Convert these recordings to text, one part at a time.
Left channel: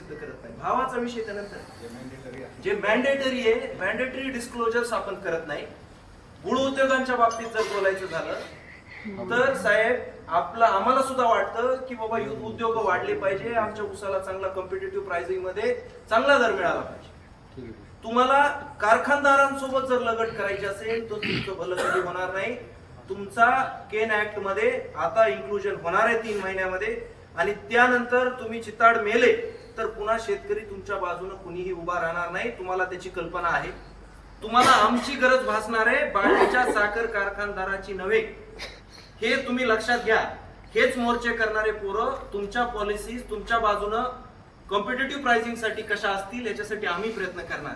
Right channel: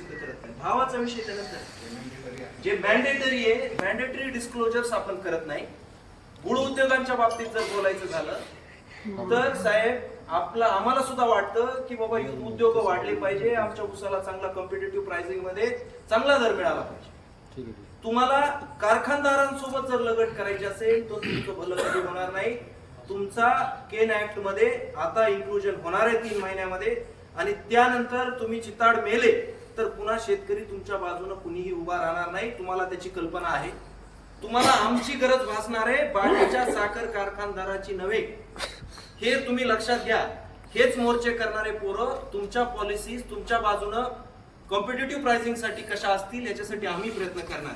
सिद्ध करत नाही. भावाचा विषय त्यानंतर. जे मॅन्डेटरी आहे. मॅन्डेटरी डिस्क्लोजर्स आपण करत नाही. गुळ उद्योगांच्या बाबतीत जर बोलायचं झालं तर साहेब आपला आम्हाला सुद्धा वाटतं की बाबा उद्योग वाढले पाहिजे आमच्या उसाला चांगला कॉम्पिटेटिव्ह प्राइसिंगमध्ये चांगला दर मिळाला पाहिजे. तुम्हाला कारखानदारांसोबत जर लगट करायची असेल तर तुमचं भलं कधी होणार नाही. तुमचा केन ऍक्टमध्ये आता इन्क्लुजन होणार आहे तीन महिन्यामध्ये. आणि त्यानंतर तुम्ही चिताड मेले तर पुन्हा शेतकरी तुमच्या बाजूने कुणीही उभा राहणार नाही. तुम्हाला त्याची कल्पना आहे. तुम्हाला आमची गरज भासणार आहे. बाकीच्या साखर कारखानदाराची नव्हे. हे तुम्ही लक्षात घ्या. हेच मोर्चे करणारे पोरं तुमच्या पॉलिसीज तुमच्या बाजूनं कॉम्पिटेटिव्ह प्राइसिंगसाठी कशा असतील याच्यासाठी आम्ही प्रयत्न करणार.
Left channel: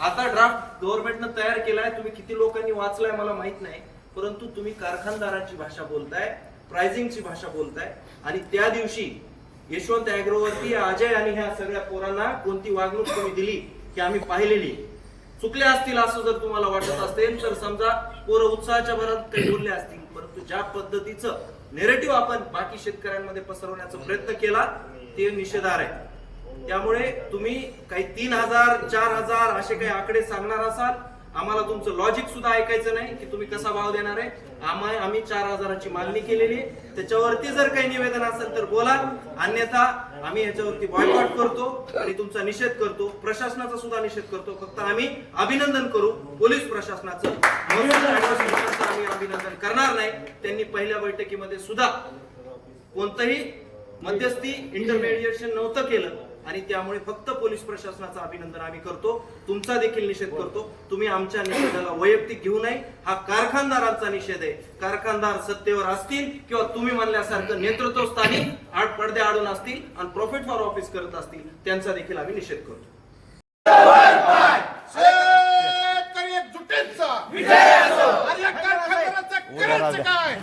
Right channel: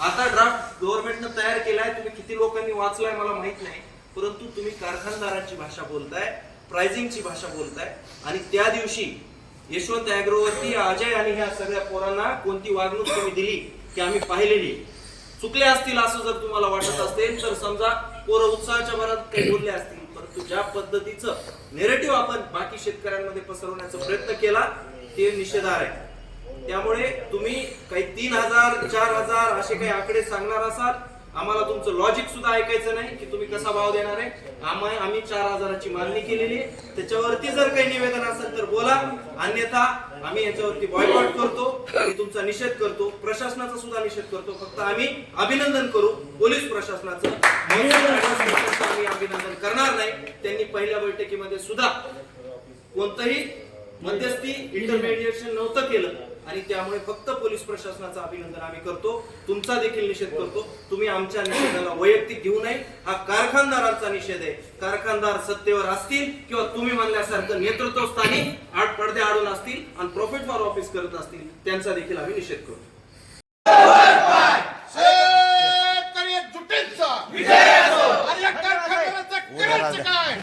आता ड्राफ्ट गव्हर्नमेंटनं तयार केलाय. तुम्ही किती लोकांनी वाचलाय मला माहीत नाही. परंतु तुम्ही कारखानदारांची भाषा बोलताय प्राइसिंगची भाषा बोलताय. आणि त्या दिवशी यशवंत अॅग्रोवरती अजय आणि ह्या सगळ्या पोरांना कोणती वागणूक तुम्ही दिली की आम्ही पाहिलेली. चुकले असतील असं जर तुम्हाला वाटत असेल तर समजा पोरं उत्साहाच्या भरात काही बोलले असतील परंतु ज्या पद्धतीचं नेरेटिव्ह आपण बाकी शेतकऱ्यांमध्ये पसरवण्याचा प्रयत्न केला ते निषेधार आहे. त्यामुळे तुम्ही काही तीन हजार चार हजार असे काही आकडे सांगणार असाल आम्हाला तुमचं लॉजिक सुद्धा ऐकायचं नाही की तुम्ही कसा भाव देणार आहे. आम्हा आम्ही चार हजाराची मागणी केलेली आहे. त्याच्यावरती जर काही निवेदन असेल तर बोला. अन्यथा आम्ही याच्यावरती बॉयकॉट करतो. आणि तुमचा निषेध करतो. प्रशासनाचा सुद्धा निषेध करतो. फक्त आम्ही अभिनंदन करू. पोलीस प्रशासनाचं. आम्ही अभिनंदन करणार नाही. त्यांनी पहिल्या बैठकीमध्ये सुद्धा कोणतंही मध्यस्थी इंटरमिडिएशन नव्हतं केलं. आणि त्यामुळे फक्त पोलीस प्रशासनाचं अभिनंदन आम्ही करतो. तुमचा देखील निषेध करतो. तुम्ही आमच्या निषेधाला वैयक्तिक घेऊ नये. हा कारखानदारांचा निषेध आहे. कारखानदार सत्तेवर असतील किंवा तुम्ही म्हणल्यासारखं नेतृत्व स्थानी आठ पडदे आडून असतील आणि प्रॉफिट फॉर ऑफिस करत असतील त्यांचा देखील आम्ही निषेध करतो. करायचं काय?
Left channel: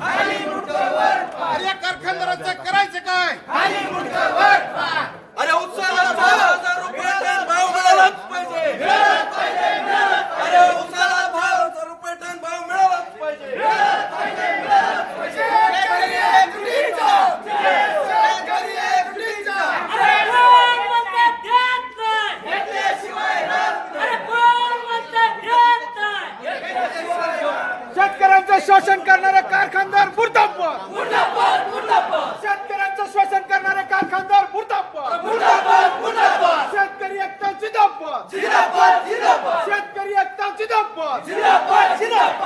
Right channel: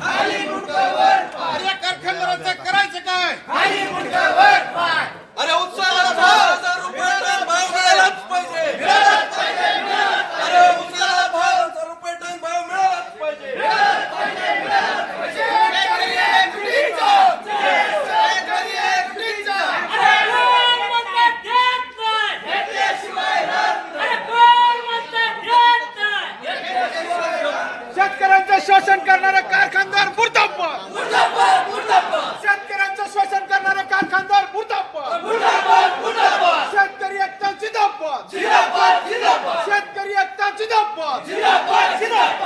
करायचं काय? शोषण करणारे कारखानदार मुर्दाबाद शेतकऱ्यांचं शोषण करणारे कारखानदार मुर्दाबाद शेतकरी एकटा जिंदाबाद. शेतकरी एकटा जिंदाबाद.